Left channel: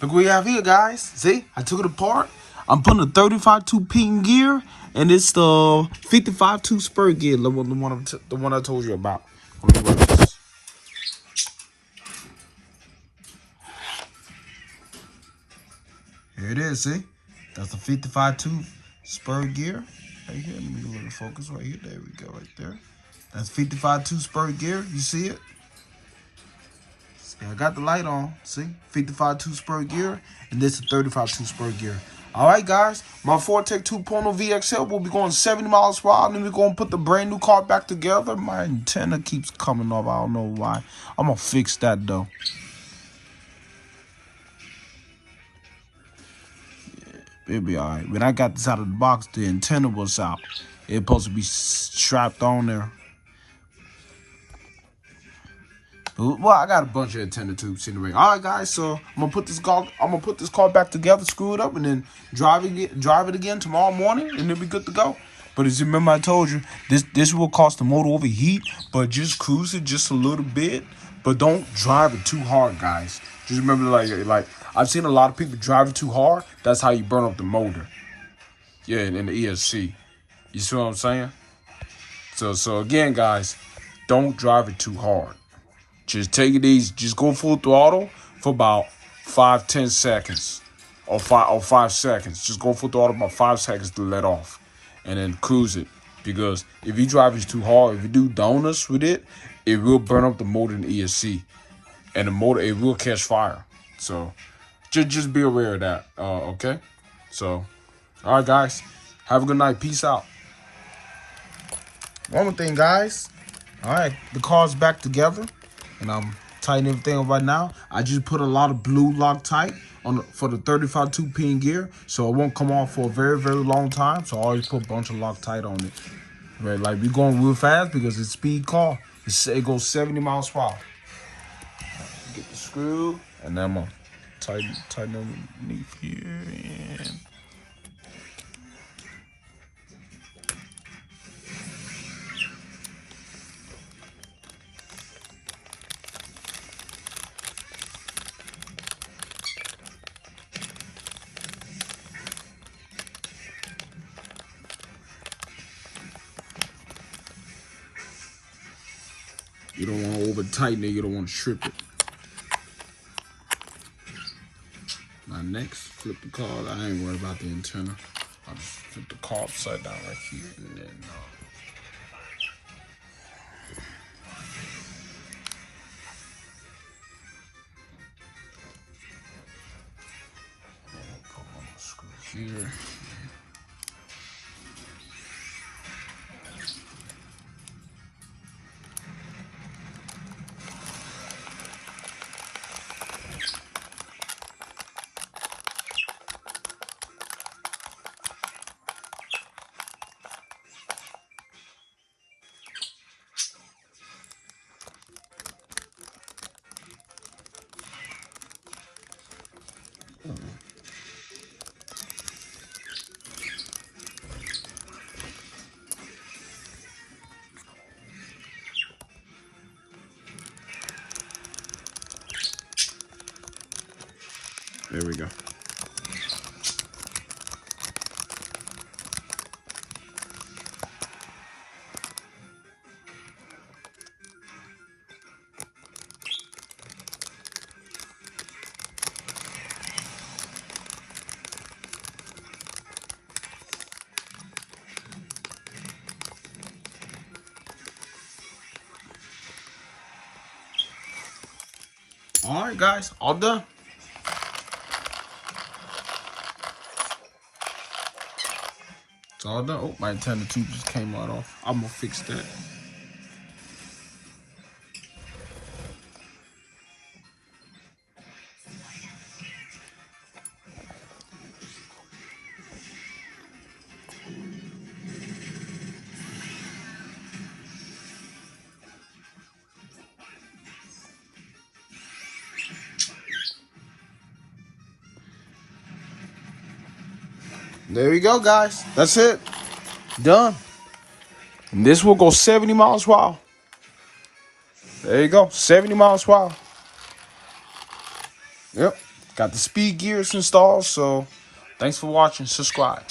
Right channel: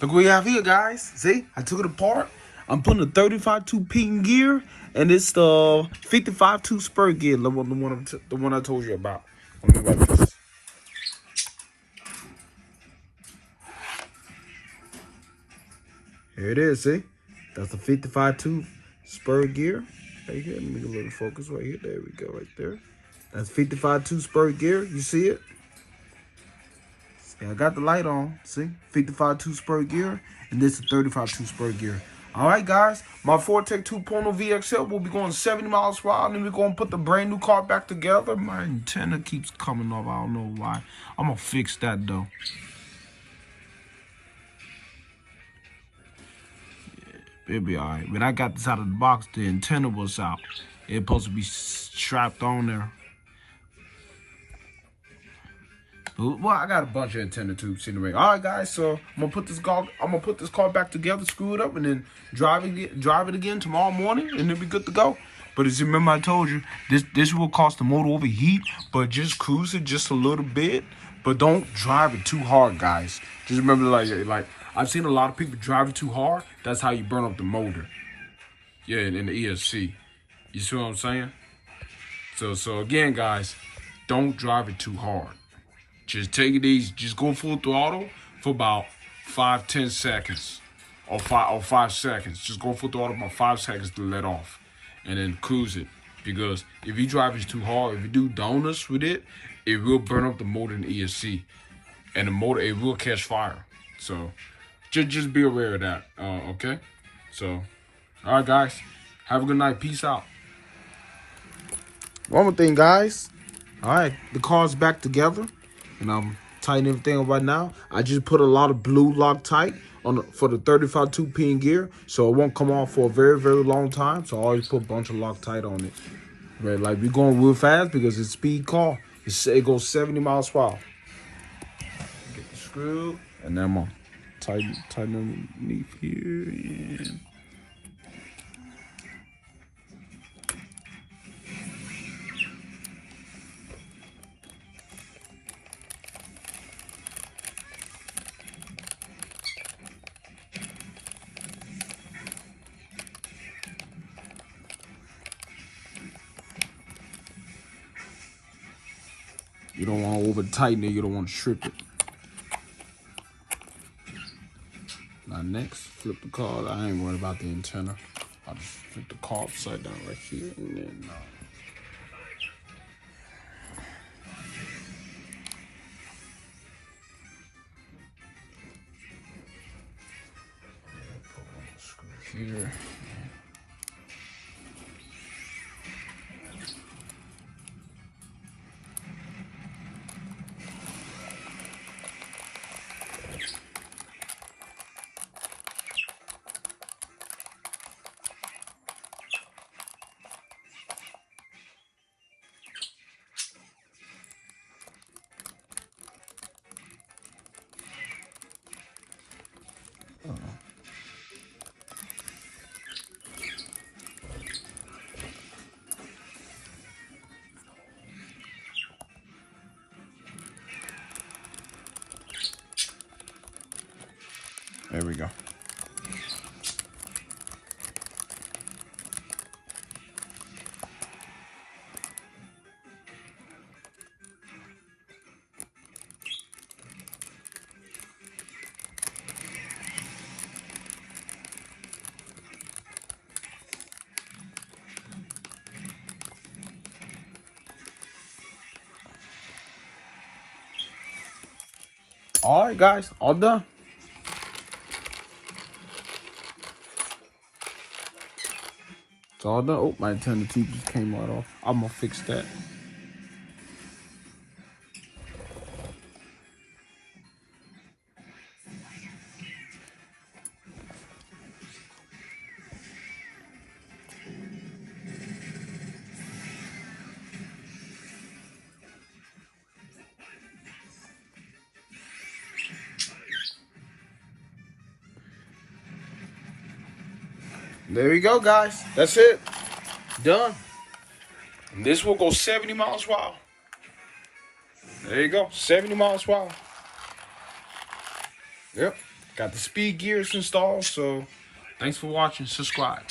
Look what we have here, guys. See, I took it apart. I'm putting a 35-tooth Pinion gear, and it's the 55-tooth Spur gear, the one I told you about. Let me grab this. Here it is. See, that's the 55-tooth Spur gear. Right here. Let me get a little focus right here. There we go, right there. That's 55-tooth Spur gear. You see it? Yeah, I got the light on. See? 55-tooth Spur gear. And this is 35-tooth Spur gear. Alright, guys. My Forte 2.0 VXL will be going 70 miles per hour. And then we're going to put the brand new car back together. My antenna keeps coming off. I don't know why. I'm going to fix that, though. Yeah, it'll be alright. When I got this out of the box, the antenna was out. It's supposed to be strapped on there. Well, I got a bunch of antenna tubes in the ring. All right, guys. So I'm gonna put this car back together, screw it up, and then drive it again tomorrow morning, and it'll be good to go. But as you remember, I told you this will cause the motor overheat, but just cruise it just a little bit. But don't drive it too hard, guys. Just remember, like I've seen a lot of people drive it too hard. That's how you burn up the motor. Yeah, in the ESC. You see what I'm saying? So again, guys, don't drive it too hard. Just take it easy. Just go full throttle for about 5-10 seconds, or 5 seconds. Just go full throttle about 5 seconds to let off, and then cruise it. Because if you drive it too hard, if you do donuts with it, it will burn up the motor in the ESC, and the motor it will catch fire. So just be aware of that. Okay. So, all right, guys. Have a good night. Peace out. One more thing, guys. All right, the car's back together. And I'm tightening everything up right now. I just put a lot of blue Loctite for the 35-tooth Pinion gear, so it won't come off for a very, very long time. So I always put a bunch of Loctite on it. Right, like we're going real fast because it's a speed car. It goes 70 miles per hour. Get the screw, and then I'm gonna tighten underneath here. And you don't want to over tighten it. You don't want to strip it. Now next, flip the car. I ain't worried about the antenna. I'll just flip the car upside down right here, and then put one of the screws here. There we go. All right, guys, all done. It's all done. Oh, my antenna tube just came right off. I'm gonna fix that. There we go, guys. That's it. Done. And this will go 70 miles per hour. There you go. 70 miles per hour. Yep. Got the speed gears installed. So thanks for watching. Subscribe.